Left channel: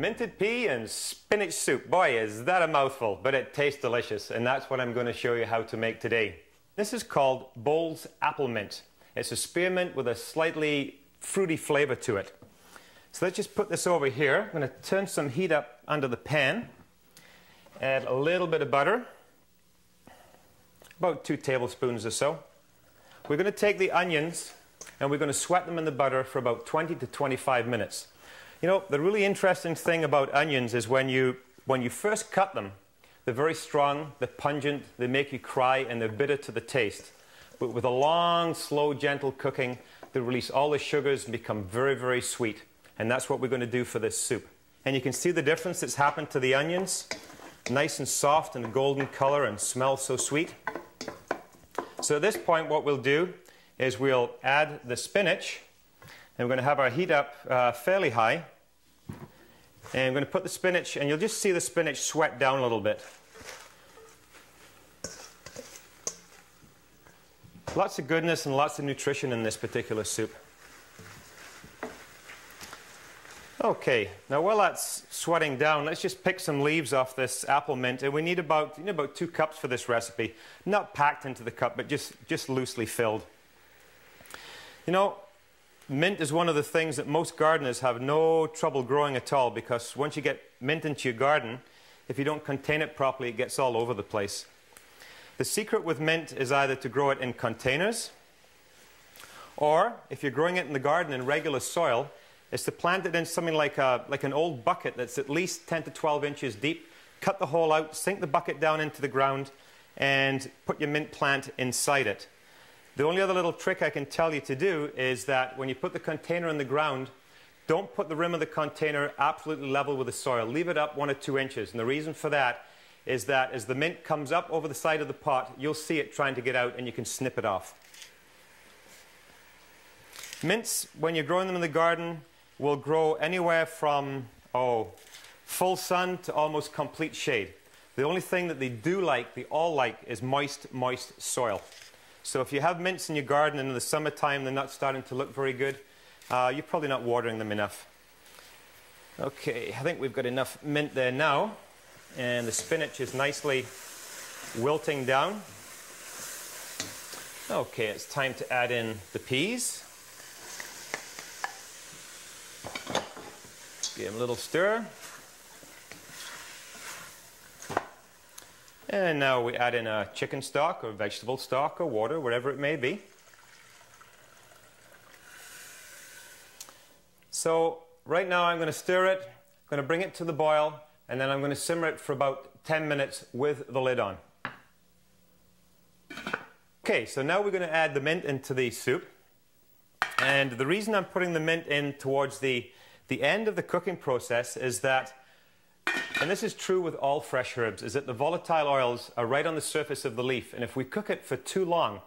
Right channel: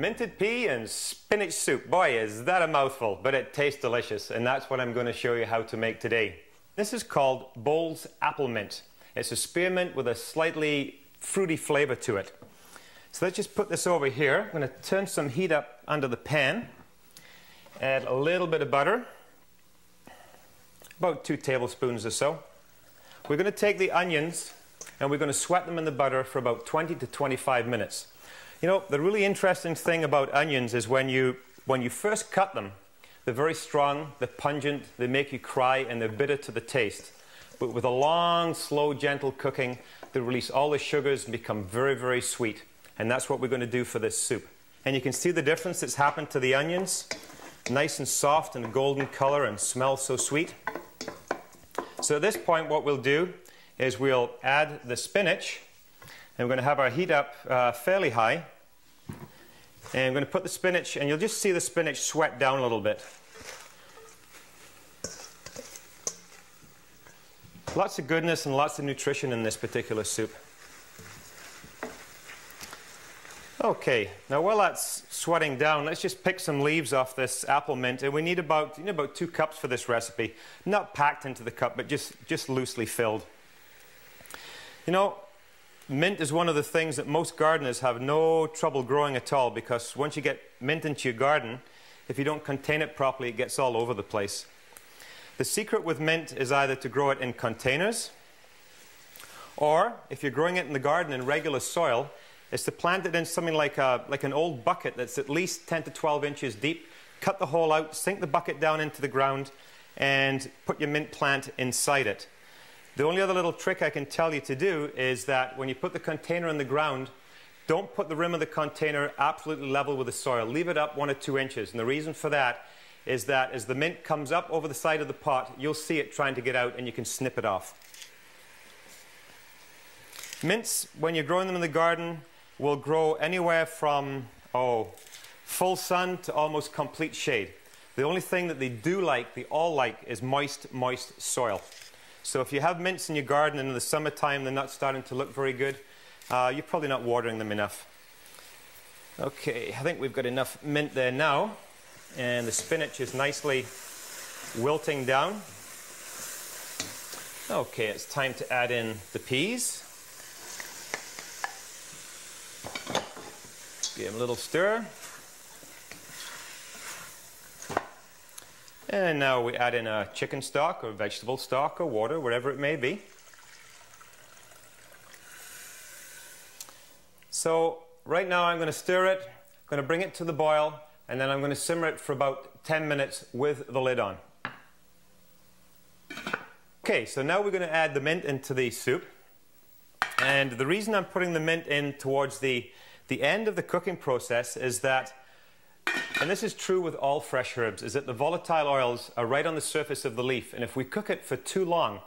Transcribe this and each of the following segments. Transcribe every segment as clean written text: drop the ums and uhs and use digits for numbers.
minted pea and spinach soup. Boy, is that a mouthful, but it tastes delicious, and that's what I'm going to show you how to make today. This is called Bowles Apple Mint. It's a spearmint with a slightly fruity flavor to it. So let's just put this over here. I'm going to turn some heat up under the pan, add a little bit of butter, about 2 tablespoons or so. We're going to take the onions and we're going to sweat them in the butter for about 20 to 25 minutes. You know, the really interesting thing about onions is when you first cut them, they're very strong, they're pungent, they make you cry, and they're bitter to the taste. But with a long, slow, gentle cooking, they release all the sugars and become very, very sweet. And that's what we're going to do for this soup. And you can see the difference that's happened to the onions. Nice and soft and golden color and smells so sweet. So at this point, what we'll do is we'll add the spinach. And we're going to have our heat up fairly high. And I'm going to put the spinach, and you'll just see the spinach sweat down a little bit. Lots of goodness and lots of nutrition in this particular soup. Okay, now while that's sweating down, let's just pick some leaves off this apple mint. And we need about 2 cups for this recipe. Not packed into the cup, but just loosely filled. You know, mint is one of the things that most gardeners have no trouble growing at all, because once you get mint into your garden, if you don't contain it properly, it gets all over the place. The secret with mint is either to grow it in containers, or if you're growing it in the garden in regular soil, is to plant it in something like an old bucket that's at least 10 to 12 inches deep. Cut the hole out, sink the bucket down into the ground, and put your mint plant inside it. The only other little trick I can tell you to do is that when you put the container in the ground, don't put the rim of the container absolutely level with the soil. Leave it up 1 or 2 inches. And the reason for that is that as the mint comes up over the side of the pot, you'll see it trying to get out and you can snip it off. Mints, when you're growing them in the garden, will grow anywhere from full sun to almost complete shade. The only thing that they all like, is moist soil. So if you have mints in your garden and in the summertime they're not starting to look very good, you're probably not watering them enough. Okay, I think we've got enough mint there now, and the spinach is nicely wilting down. Okay, it's time to add in the peas. Give them a little stir. And now we add in a chicken stock or vegetable stock or water, whatever it may be. So right now I'm going to stir it, I'm going to bring it to the boil, and then I'm going to simmer it for about 10 minutes with the lid on. Okay, so now we're going to add the mint into the soup. And the reason I'm putting the mint in towards the end of the cooking process is that, and this is true with all fresh herbs, is that the volatile oils are right on the surface of the leaf. And if we cook it for too long,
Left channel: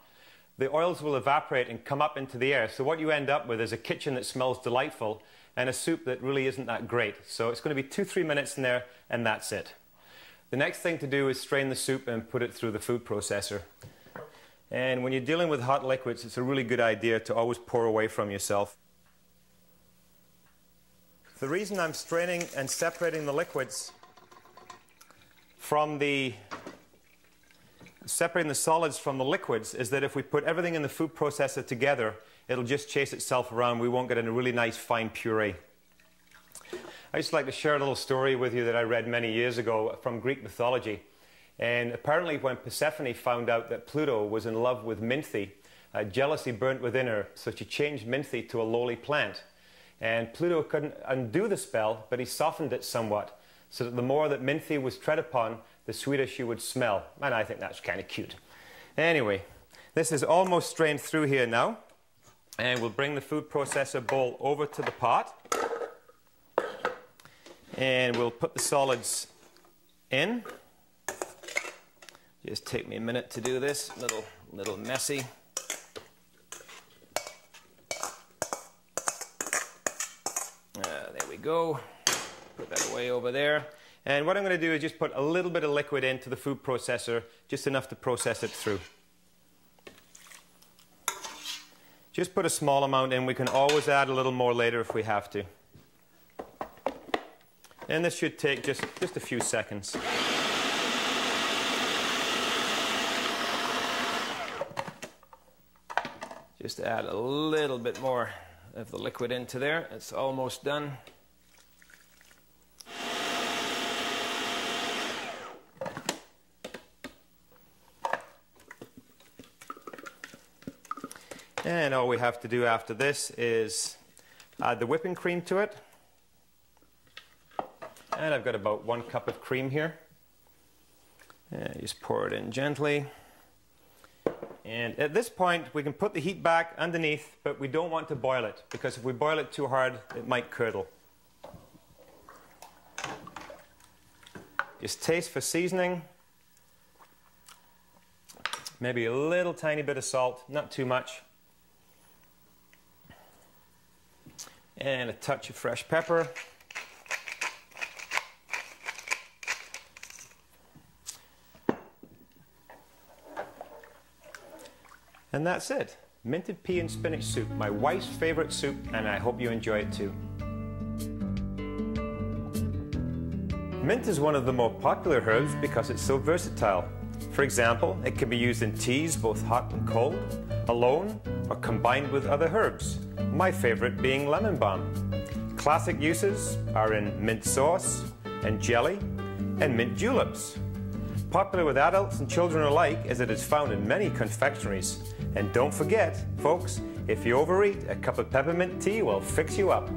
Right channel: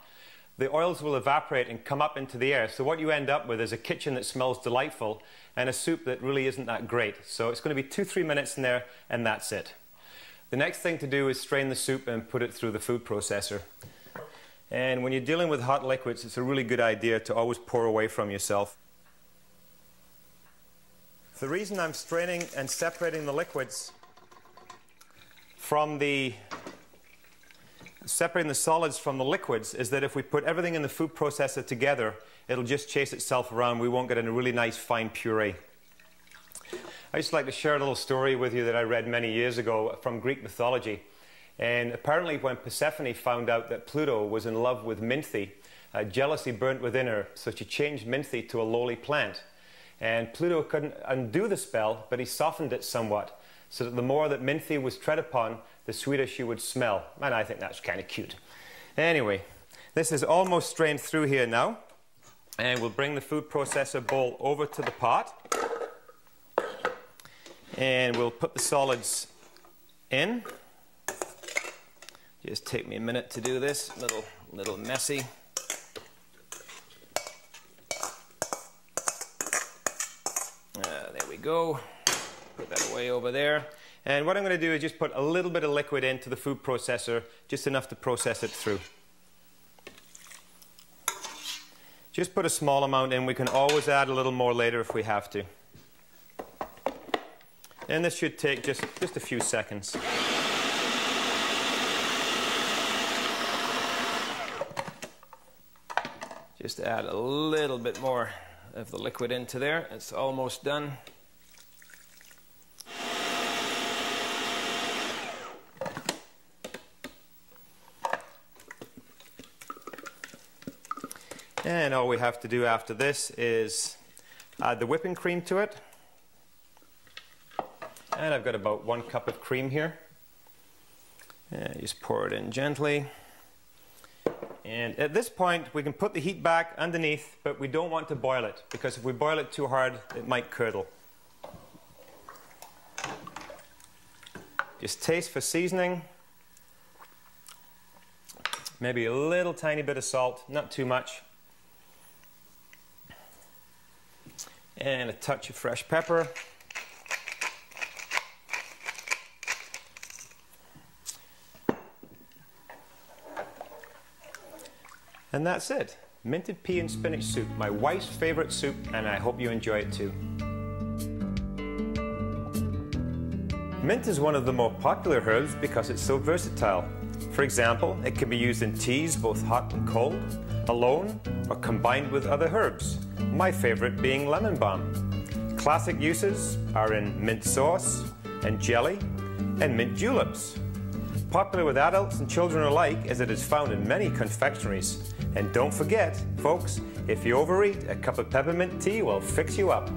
the oils will evaporate and come up into the air. So what you end up with is a kitchen that smells delightful and a soup that really isn't that great. So it's going to be 2-3 minutes in there, and that's it. The next thing to do is strain the soup and put it through the food processor. And when you're dealing with hot liquids, it's a really good idea to always pour away from yourself. The reason I'm straining and separating the liquids from separating the solids from the liquids is that if we put everything in the food processor together, it'll just chase itself around. We won't get a really nice fine puree. I just like to share a little story with you that I read many years ago from Greek mythology. And apparently when Persephone found out that Pluto was in love with Minthy, jealousy burnt within her, so she changed Minthy to a lowly plant. And Pluto couldn't undo the spell, but he softened it somewhat, so that the more that Minthy was tread upon, the sweeter she would smell. And I think that's kind of cute. Anyway, this is almost strained through here now. And we'll bring the food processor bowl over to the pot. And we'll put the solids in. Just take me a minute to do this, little messy. There we go. Put that away over there. And what I'm going to do is just put a little bit of liquid into the food processor, just enough to process it through. Just put a small amount in. We can always add a little more later if we have to. And this should take just a few seconds. Just add a little bit more of the liquid into there. It's almost done. And all we have to do after this is add the whipping cream to it. And I've got about 1 cup of cream here. And just pour it in gently. And at this point, we can put the heat back underneath, but we don't want to boil it, because if we boil it too hard, it might curdle. Just taste for seasoning. Maybe a little tiny bit of salt, not too much. And a touch of fresh pepper. And that's it. Minted pea and spinach soup, my wife's favorite soup, and I hope you enjoy it too. Mint is one of the more popular herbs because it's so versatile. For example, it can be used in teas, both hot and cold, alone, or combined with other herbs. My favorite being lemon balm. Classic uses are in mint sauce and jelly and mint juleps. Popular with adults and children alike, as it is found in many confectionaries. And don't forget, folks, if you overeat, a cup of peppermint tea will fix you up.